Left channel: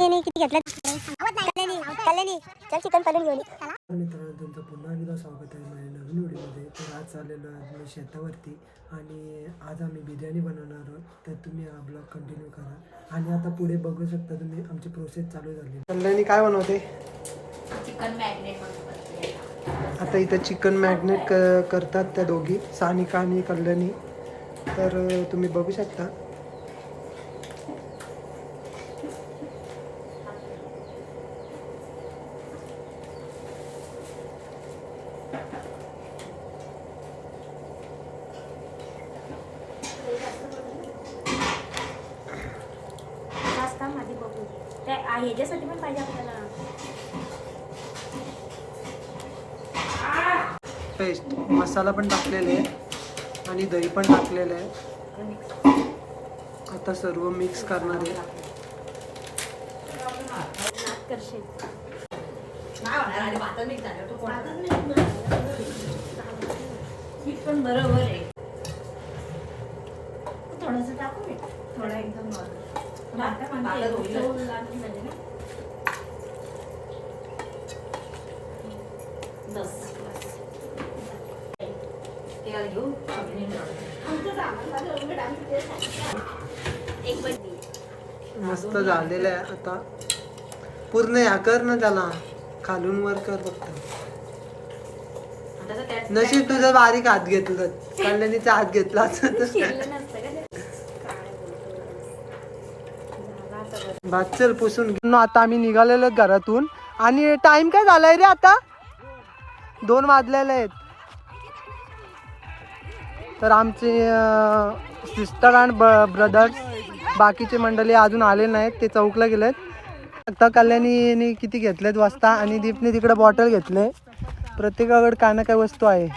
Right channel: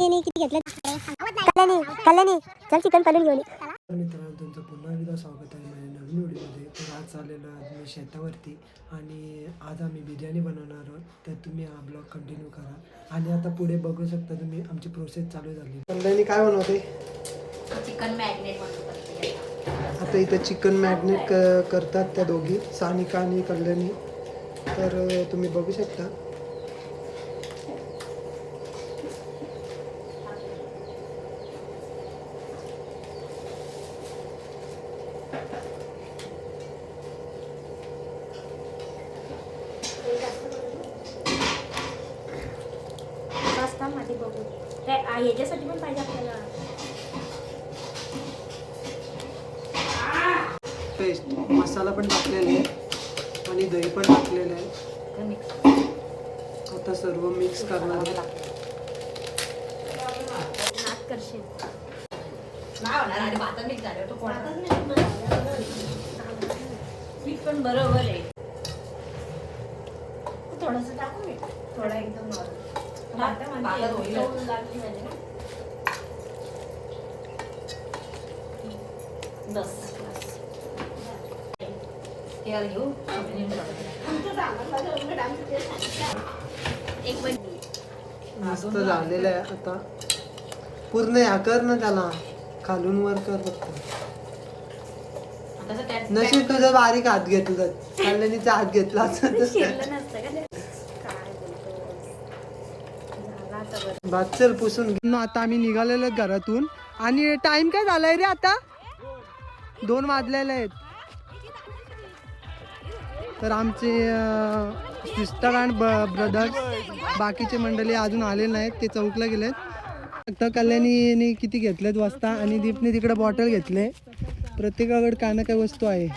किती घेतलं? चल चिकन घेऊन मित्रांनो तुमचं पुन्हा एकदा स्वागत आहे माझ्या नवीन व्हिडिओमध्ये. तर आज चाललेलो आहे मी शेतावरती आणि आज आम्ही बिर्याणी बनवणार आहोत. तर तुम्ही हा ब्लॉग कंटिन्यू करा. आणि आता पुढे बघू शकता तुम्ही आमची प्रोसेस चालू झाली. कल्याणी काय बनवते? चिकन बनवतो आता इथं चिकन मॅग्नेट क करतात त्या दोघी सानिका आणि कल्याणी तर तुम्ही बघू शकता. बघू. त्या ह्याच्यासाठी पण पाहिजे आपल्याला. पेस्ट मसाला पण टाकलेला आहे. आणि दही पण टाकलेलं आहे. आता सर्व मिक्स करणार आहे. करशील. पण बरोबर आहे. थोडंसं टाकू थोडं एकदम बस घेऊ मस्त झालेलं आहे आता. पूर्ण या कर ना त्याला. खालून वर कर फक्त. नशीब तुझं बारीक हात घेतलं. कल्याणीचा हात घेतला असं तर शिरलं नसतं का ते? काय बोलतोस? झाला आता बरं. भात चल पुसून घेऊन आता आम्ही निघालेलो आहेत घरातून. आणि टाइम काय झालाय रे आता? दोन वाजलेले आहेत. तर आमचे सिस्टर आणि ब्रदर्स बाकीचे मंडळी अजून आले नाहीत. ते चौकला गेलेत. आता कल्याणीने किती घेतलेत वाजता आणि दीपने तिकडे बॉटल घेतले. प्रत्येकाकडे काय ना काय वस्तू आहे.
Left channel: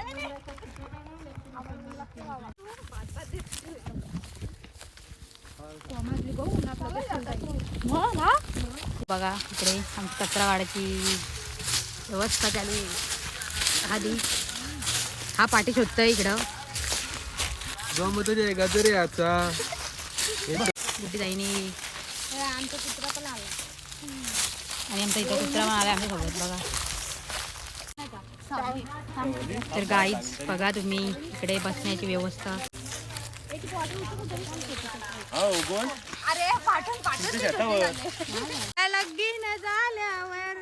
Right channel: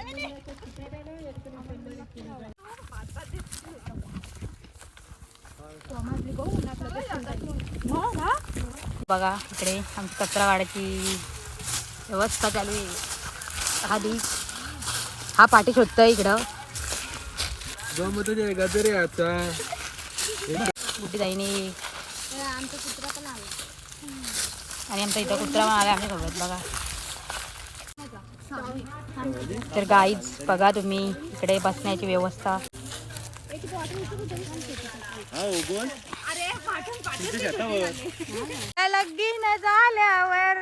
बघा इकडे आमची कचरा वाढायची व्यवस्था चालू आहे. हा दी. हा पाठी शोधतोय इकडं. मोठी जाईनी आणि आमचा इथं कुत्रा पण आला आमच्यासोबत बघा. तर गाईज बघा तुम्ही इकडे बसण्याची व्यवस्था. लगीन झाल्यावर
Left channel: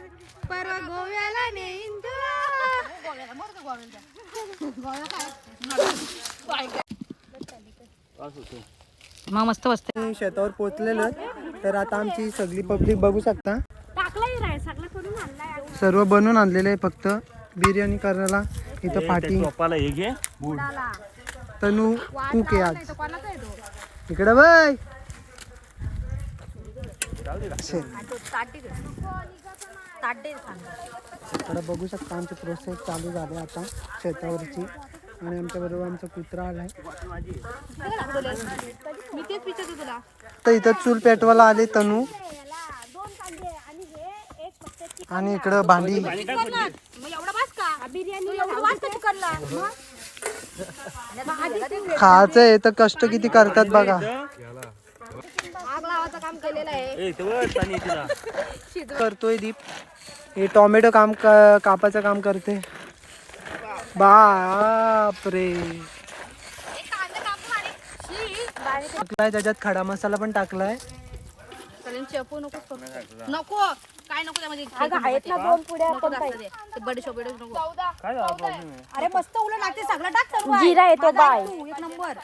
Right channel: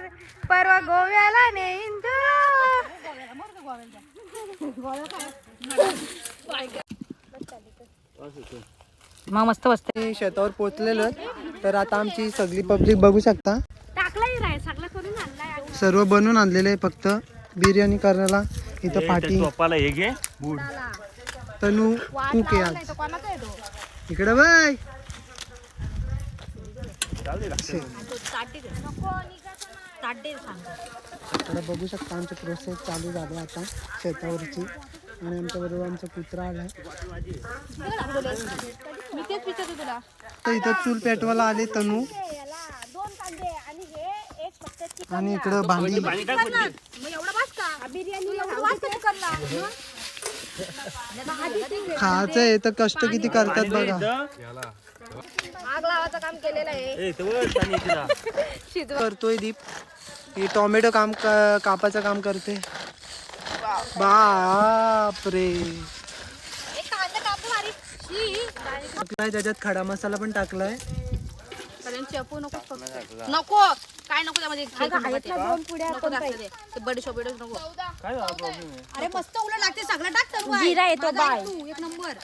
परवा गोव्याला नेईन मग मस्त बसते. आम्ही शेतावर पोहोचलेलो. तर आता आमची सगळी पब्लिक बघू शकता. सर्व बनवून आणलेले आहे फक्त. बिर्याणी करायला इथं पाठी तनू कुक आहे आज इकडे बाय इकडे बघू शकता आमची प्रोसेस चालू झाली आता शेतावरची. आणि आमच्या बरोबर आमचा कुत्रा आलाय. तर इथं चूल पेटवायला आले तनू. आणि इकडं भांडी. खायचं आहे तर कष्ट किती करतात बघा. करतोय दीप. हे टोमॅटो काम कापाचं काम करते. बापरे. टाकलाय त्याच्यात खडा मसाला पण टाकलाय. नको काय नको त्यामध्ये नको ते. बिडीशोप नको. अरे मस्त उलट लागते. सगळं टाक सर्व आहे. जिरा येतो बाय. तू, एक नंबर.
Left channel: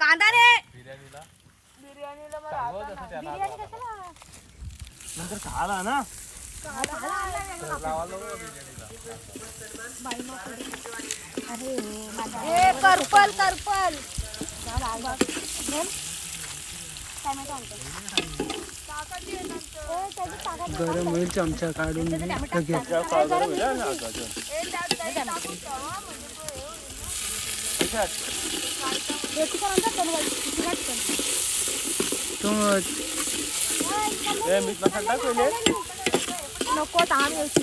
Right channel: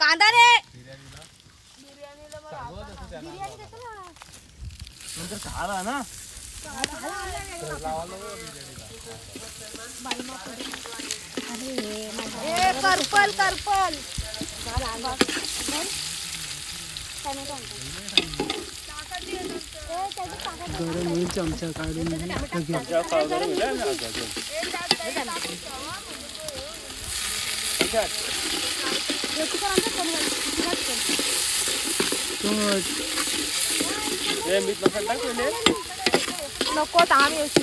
कांदा रे. ए करपल करपल. गरम होईल चमचा काढून लगेच तो नको ताण यायची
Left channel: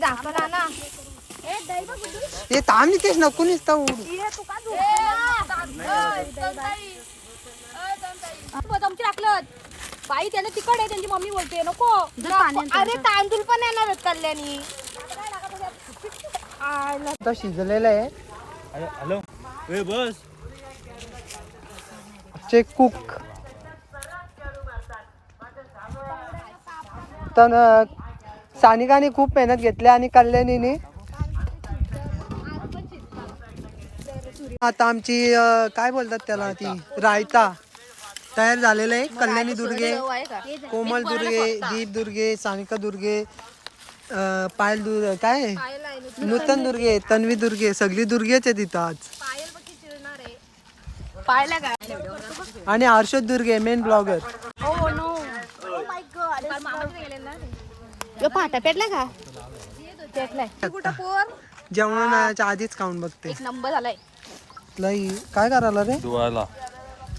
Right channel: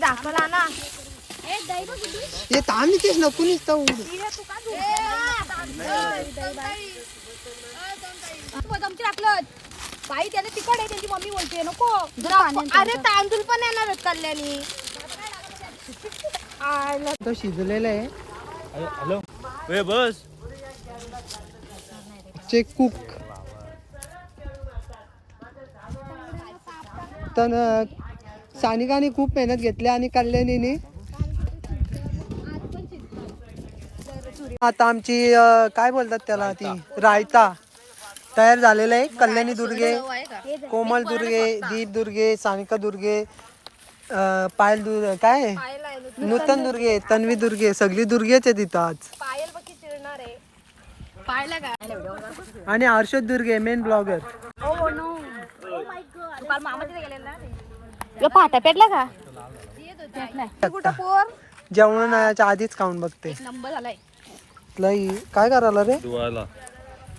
दाखवला ना. हे ताण तेच नको नुसतं उड आमची टाकलं बाई त्याला तिकड आहे त्यांची मम्मी बोलते नको. अरे तांदूळ पण येणार कल्याणी. आता शिजलेलं आहे. हॅलो वे बस. चे कुक तर सानिकाने खूप मेहनत घेतली आणि कल्याणीने. आता आमची अं, काय बोलतात त्याला ती? रायता. तयार झालेलं आहे. कल्याणी दुर्गे कोमल दुर्गे दीप दुर्गे सानिका दुर्गे अं, पायल दुर्गे काय? नूतन दुर्गे तन्वी दुर्गे सगळी दुर्गेच आहे तिथं आज. पाहिलं का आणि Harshad Durge main blogger oh no पाटा पेटला का? जेवणाच्या आधीच खाऊन बघते. एक नंबर झालाय. लई काय करायला रे?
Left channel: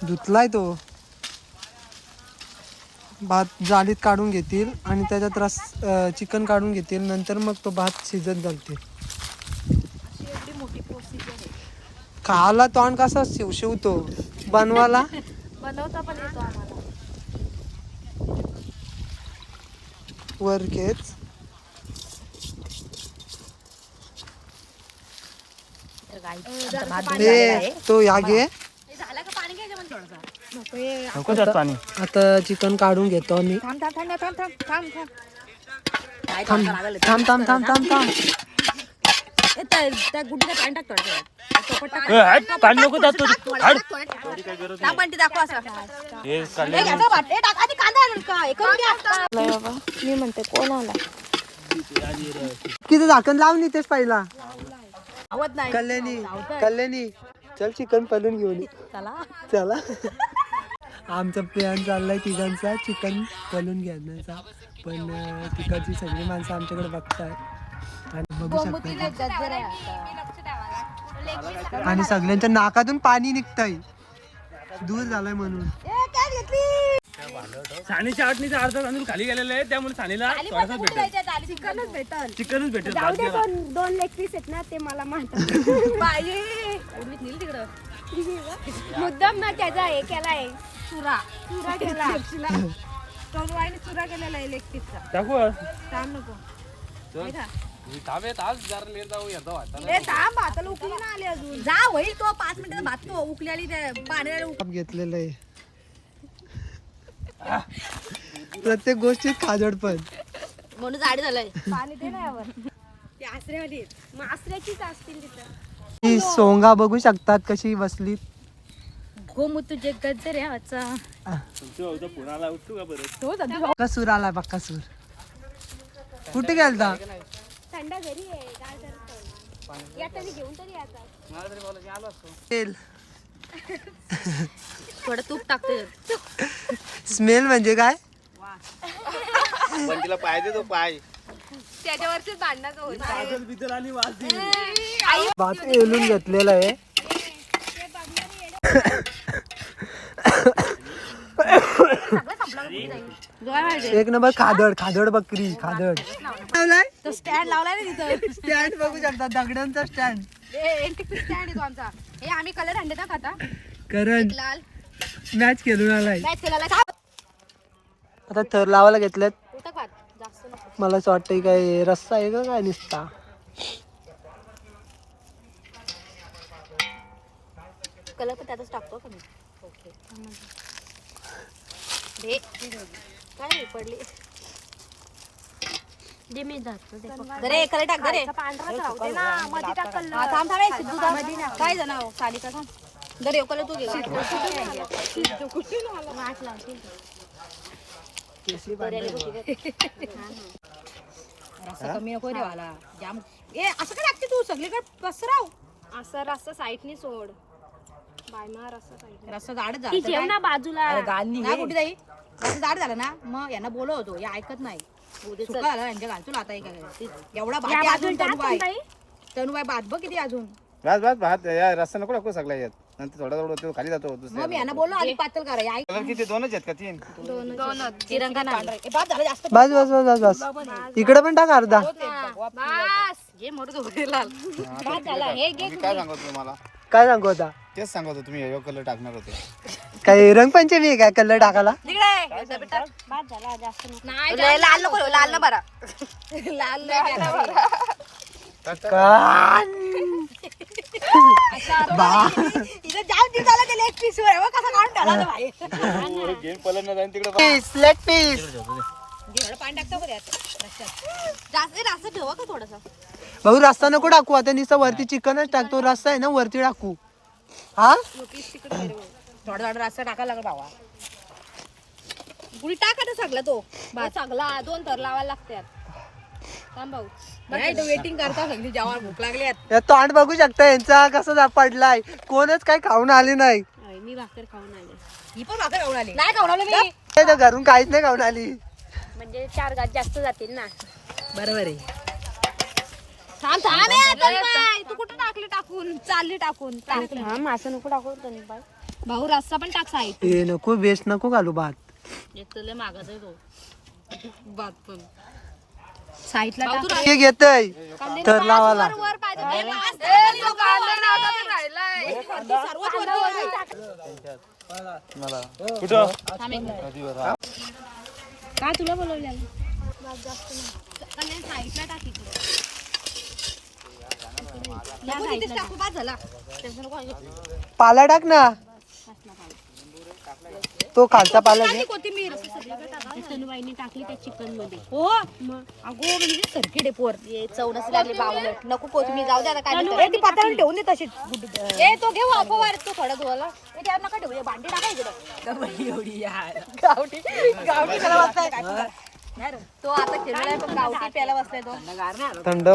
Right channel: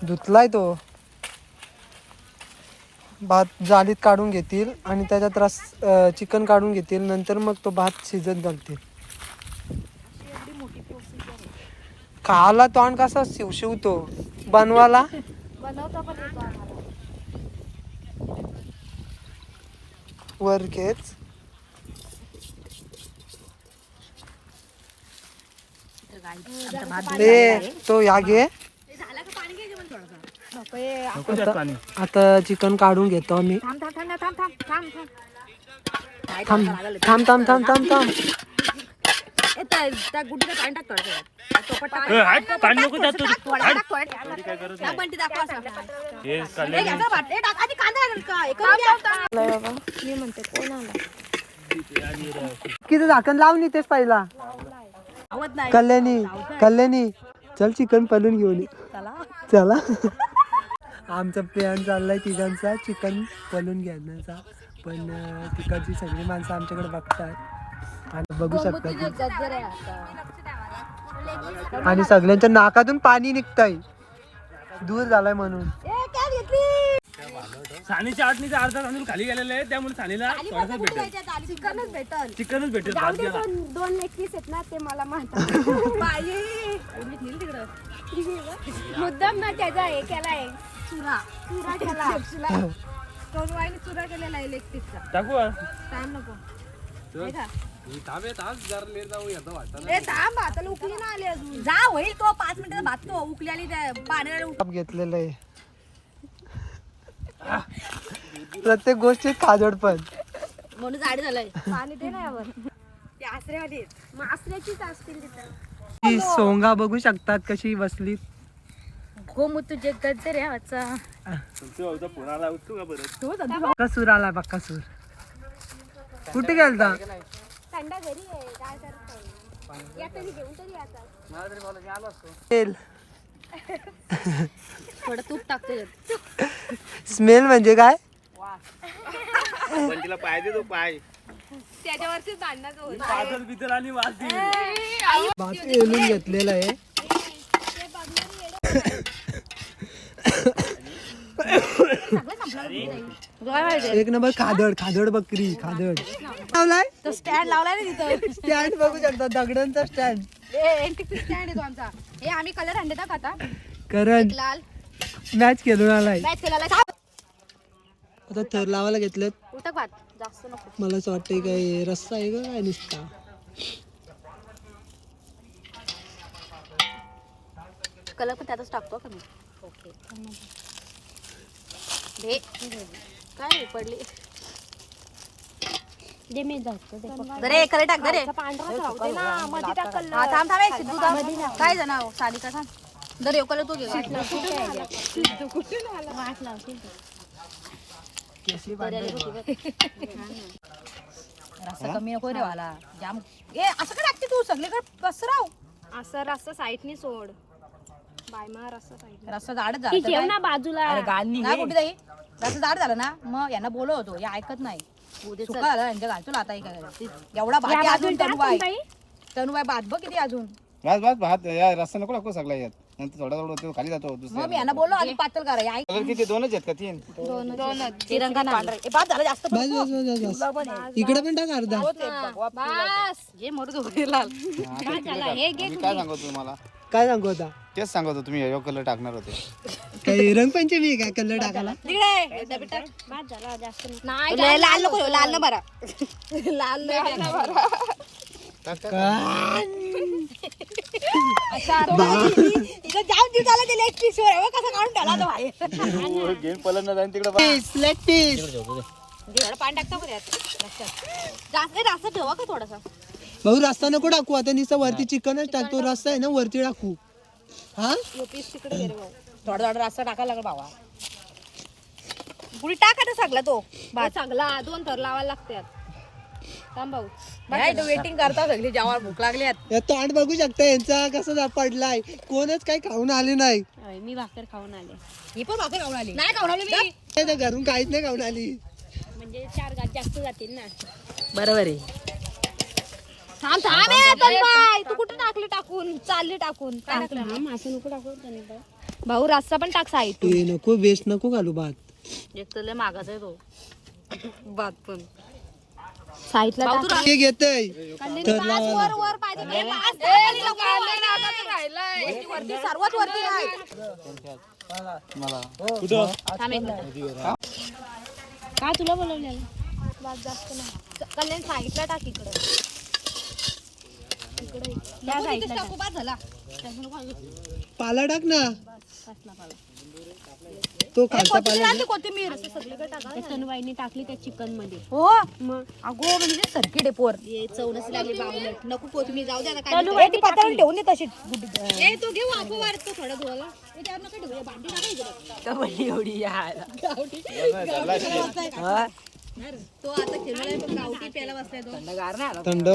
धुतलाय तो. भात जालीत काढून घेतील आणि त्याच्यात रस चिकन काढून घेतील. नंतर मग तो भात शिजत घालतील. खायला तोंड कसा शिवशिवतो? बनवाला? बनवता पण येतो वरकेच ए तो या घे. नको जास्त पाणी. आता चिकन काढून घेतो आम्ही. थांब थांब थांब थांब थांब थांब थांब. थांब थांब थांब थांब थांब थांब. ए, त्या त्या गुड्डीला पाणी टाक थोडं चोपट टाक. ए, हात, पाणी नको जात दाखव असं. हे. ए, टाक का मी म्हणते कोण आला किती झाकण लावून तेच पहिला? आवत नाही कल्याणी कल्याणी चल चिकन पलून घेऊन. चला. चला आमचा प्लॅन चाललाय तिघांचा चिकन पलून घेण्याचा. पण तिकडची सगळी माणसं आमच्याकडे बघतात आणि बघू शकतात आणि सगळ्यांच्या नाकातून पाणी निघतंय. दूर झालाय म्हणून. सानीच्या आठणीचा अर्धा तांदूळ खाली गेलेला आहे त्यामुळे सानीला थोडासा भेटेल. चिकनच भेटल. चिकनच भेटेल भात गेला. दोन लेग पीस आहेत ना ते मला माहीत मुद्दाम ना त्याचा हे केलाय. चुरा. चुरा केला. चुरा. केलेला आहे लेग पीसचा टाकू ताण नको. नाही का? ए थांब भाताला उकली ना आली अजून. जा होईल तो पाच मिनिटाचा भात तो उकली आली त्या पाण्याला घेतलेलं आहे. प्रत्येक गोष्टीत खाजड पण. म्हणून जाडी झालंय. पाणी ते नाही यावर. ते आसऱ्यामध्ये मग आसऱ्याचीच असतील तिथं. ही सोंगा बघू शकतात कशी बसली. गोमू तुझे तुमच्या उठतो का बरं कसूर आला बक्कासूर कुठे गेलता? थंड घरी आहे काय करत घेऊन तरी आता. तेल. थोडं तूप टाकते स्मेल म्हणजे काय? बिदल आणि वाजती भात येलून घेतलेला आहे. एक नंबर खादड खादड बकरी खादड. लावलाय? तो स्टँड लावलाय ना तिथं. स्टँड बघू शकता दगडांचा स्टँड स्टँड येतो आमचा. हे आम्ही कलर हंडे टाक आता. करण. लाल मॅच खेळून आलाय. आता थर लावायला घेतलेत. मला असं वाटतंय काय रस्सा आहे का काय नुसता? कलर पण त्यातच टाकतो का मी? ओके काय पडली. दे मी पांढरा काय जण साडी कसं दरे तू घे रस्सा कमी नको रे वाला जाम ए असं काय लागते तू? सगळे काय पसराव? असं रस्ता साईडनी सोड. रस्ता झाला ठेव ना बाजूला. कुठे जाई? रस्ता जाड झाला ना मग यांना बोलव होतो या ऐकत नाही. यांच्या घालतो आता एवढा भात अजून तनुबाई तनुबाई भात बघ किती अजून. बस बस भात या रस्ता नको टाकू सगळ्या यात. नंतर थोडा थोडा तो खाली जातो मग मी यांना बोललो आणि पातळ करा. कलर किती? दोनच आहेत का तीन? तिरंगा नाही. ए, भात झाला जास्त बस बस बस बस बस. इकडे पण टाक अर्धा. बस. ये मोठं लाल. झाला. हे घे काय सांगतो तुम्हाला काय सांगू आता? तेच सांगत होतो तुम्ही यो कलर टाकणार होते. काय रंगपंचमी आहे काय कलर टाकायला? भात झाला जास्त नको. नाही लाल लाल नको लाल ना बरा. लाल नाही. घ्यायला. गेम पलट जाईन तिकडे पीस लेग पीस भाऊ रस्ता नको टाकू. आता नुसतं वरती चिकनच टाकतो रस्ता आहे ना वरती टाकू. हा? थोडा थोडा रस्ता टाकायला लागला बाबा पुढे टाका ते सगळा तो? चांगला दोन थर लावायला लागतात. थांब भाऊ. नाही तू वेटिंग करता सगळी जेव्हा भूक लागली या तोंड बघू शकता यांचा कसा जा पडलाय. कोणच काय खाऊन आले नाही. मी भाकर खाऊन आले. ही पण भाकर खाऊन आली. नाही खाऊन आलो मी. ते तर घरून काहीच नाही खाऊन आली. म्हणजे चार गात जास्त जातील ना. बरोबर आहे. थांब थांब. ए, तन्मय, तू कुठे टाकली टाकून? चालली टाकून. थांब असं नको टाकू तन्मय. भाऊ रस्ता पण टाक साईड. ते नको वेस्ट नको घालू भात. एक तर लय मागाचा आहे तो. भात पण. साईडला टाक. हे घेतय. तर लावाला का तुला कल्याण साईडला टाक इकडं. झाला. पाला टाक ना. तो खालचा पाला घे. कोथिंबीर. तनुबाईनी टाकली त्या चिकनमध्ये. हो. अगो म्हणजे पोर. ये चव नसली लागली बावलट नको कोथमीर जाऊ दे आता काय ती ठेवून दे तशी करायचं. ए तो घे वाफवर तू थोडा धुवाला ए, त्यावर नका ठेवू हे भांडी टाका इकडं एवढी गावठी गावठी त्याला बसलाय नाही रे. तो आता खेळलाय पण गावठी प्यायला बसलाय तो. थंड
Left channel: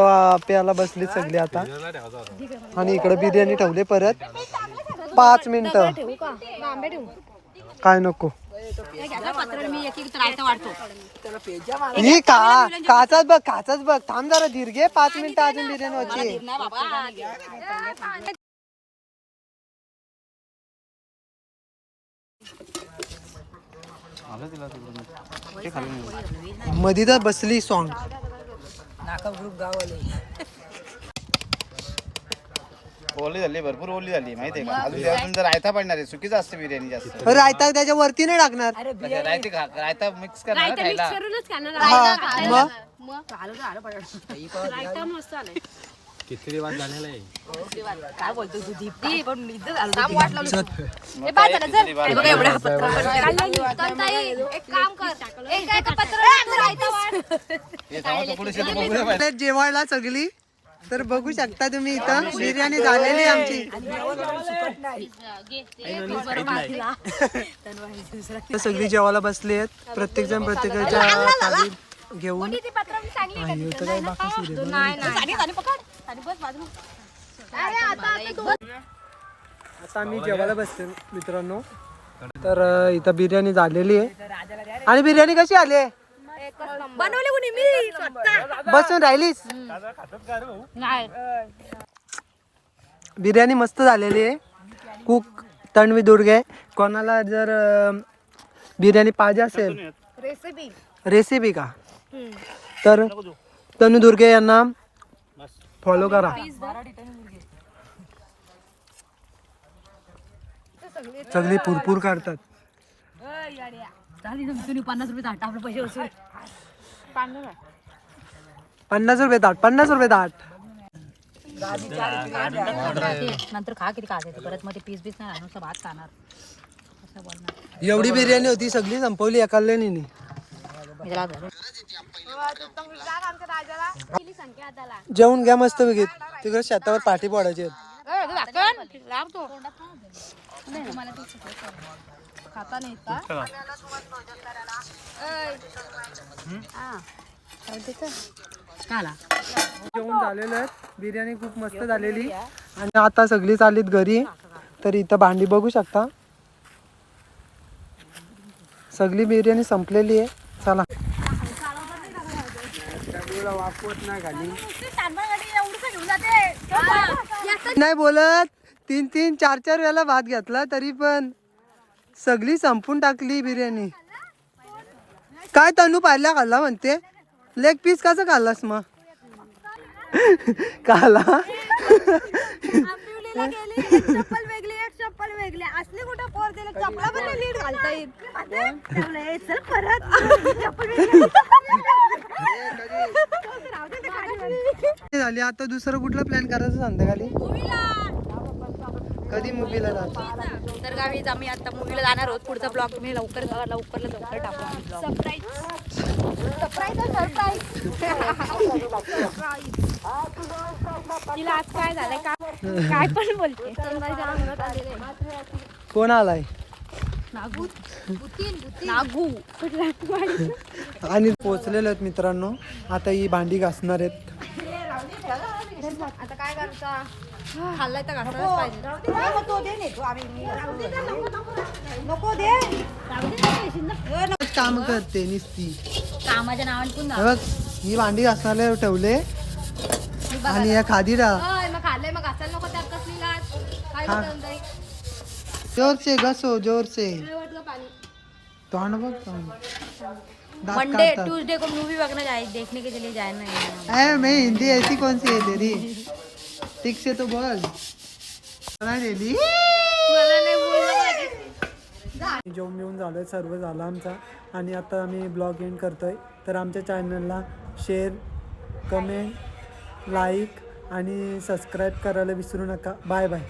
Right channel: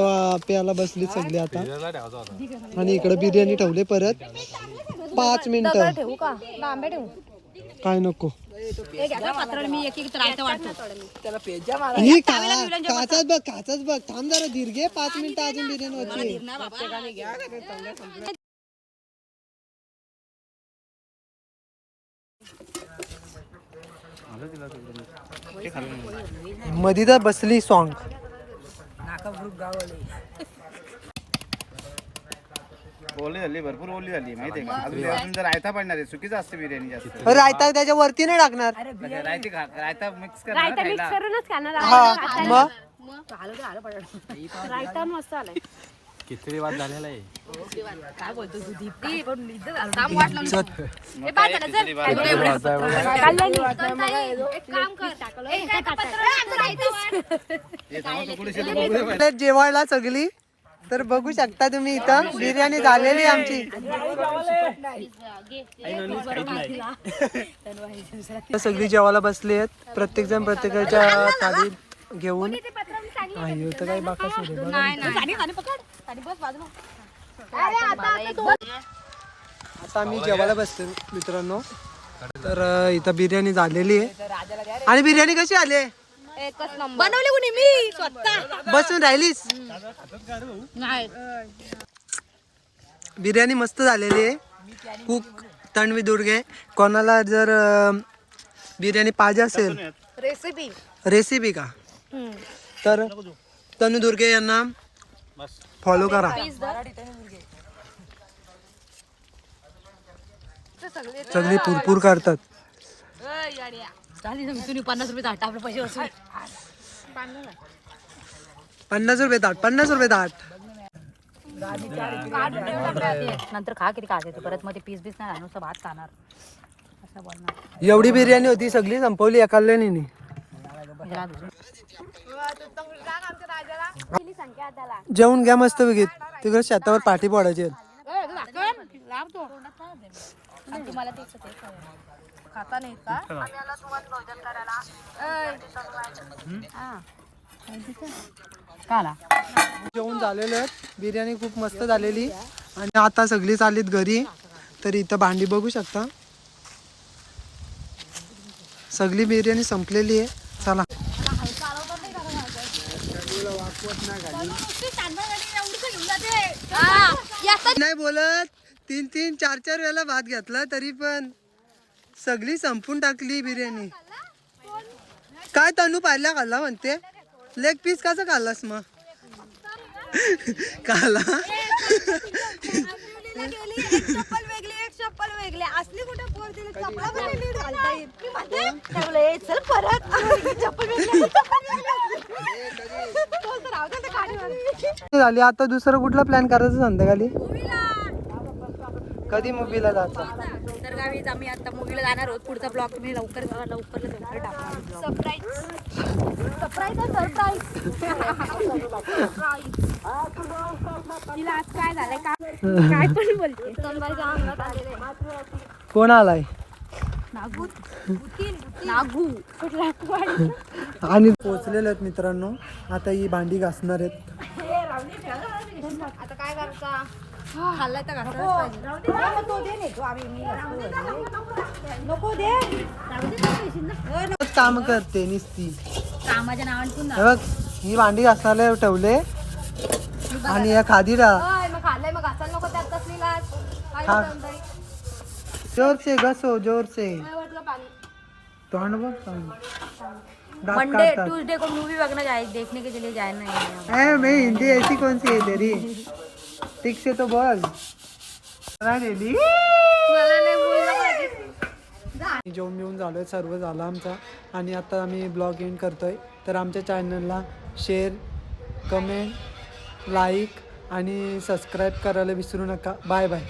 प्यायला बसली सगळी आता. आणि इकडे बिर्याणी ठेवली परत. पाच मिनिट. ठेवू का? लांबे ठेवू. काय नको. ए, घ्या गं पात्राला मी एक एक रायता वाढतो ही का काचाच बघ काचाच बघ. थांब जरा धीर घे पाच मिनिटं अजून बिर्याणी होती. नाही बाबा. मधी तर बसली सॉंग ओली झाली भरपूर ओली झाली माहितीये का? अजून अजून जर रायता पडणार आहे चुकीचं असतं बिर्याणी जास्त. रायता त्याच्या वरती नाही टाकणार. रायते खा- रायता मिक्स करणार खायला. करूनच खाणार हा मग? रायता मस्त आलाय किती झालेला आहे? एक काम कर. जेवायला सगळी तर बघू शकता तुम्ही इथं. बिर्याणी झालेली आमची. तर सगळी जेवायला बसली आहेत. प्रत्येक जण प्रत्येकाच्या थाली घेऊन. तर काही बाकाच आता आम्ही जेवायला बसतो मित्रांनो. तर इथं बिर्याणी झालेली आहे. आणि बिर्याणी कशी आली आहे? बनवली कुणी? मी स्वतः. बसून राहिलीस? बिर्याणी मस्त झालेली आहे. कुक तन्वी दुर्गे. कोणाला जर अं, बिर्याणी पाहिजे असेल रेसिपी रेसिपी का? तर तनु दुर्गे यांना फॉलो करा. सगळी पुरपूर करतात. तुम्ही पन्नास रुपये ताट आपले पैसे वसूल. पन्नास रुपये ताट पन्नास रुपये नंतर खा किती खायचं ते परत मध्ये पीस बीस नाही नुसतं भात खाणार. एवढी बिर्याणी होती सगळी संपवली एकाल्याने नाही. मी त्याला झालं. जेवून घ्या मस्त पैकी. तिकडे शेतावर पाठी पडायची लावतो काला. जेवण झालेलं आहे. बिर्याणी खूप मस्त झालेली. आणि आता सगळी चाललीत घरी. तर इथं भांडी बघू शकता. सगळी बिर्याणी संपलेली आहे. चला. नाही बोलत. तीन तीन चार चार वेळा भात घेतला तरी पण. सगळी संपून टाकली बिर्याणी. काय तनू पाहिला खाल्ला म्हणते? लेग पीस कसं खाल्लास मग? काला गेली एक चप्पल वेगळी एक चप्पल वेगळी. असली कुठं पोर दिली चप्पल पण वेगळी घालता येईल. मी म्हणते, ठेवलं, ए, चल परत. चप्पल वेगळी, चप्पल वेगळी. तो तर राहू दे ते खालीवर. झाली. आता दुसरं कुठला प्लॅन करायचं संध्याकाळी. कधी मुलीला जायचं तर गावीच आम्ही आता मूवीला जाणार आहोत. पुढचा ब्लॉग तुम्ही लवकर लवकर लवकर टाकू. तिला आज काय झालंय? का काय पण बोलते. कोण आलाय? नागू. नागू. आणि पोचलेले आहेत मित्रांनो. आता ही भांडी घासणार आहेत. आता काय करता? खाल्लाय तर पाहिजे. काम करते निस्ती. कामाच्या नावाने पण हे बघ ही भांडी घासणारे ठेवले. आणि या खादीरा होय, मग खाल्लंय मग घासायला नको त्यात कसली लाज काय हा. म्हणताय? जोर से घसो जोर से काय म्हटलं पाणी. तोंड बघ तोंड. दात मंडे काढतात. ट्यूसडे को मूवी देखने जाए देखने के लिए जाना है ए मैं हिंदी ऐसी कौन सी है तेरी? ठीक से तो बोल मला नेली जेवण बिवून झालोय सर्व झालं आमचा. आणि आता आम्ही ब्लॉग एंड करतोय. तर आमच्या चॅनलला शेअर कमेंट लाईक आणि सबस्क्राईब करायला विसरू नका. Bye bye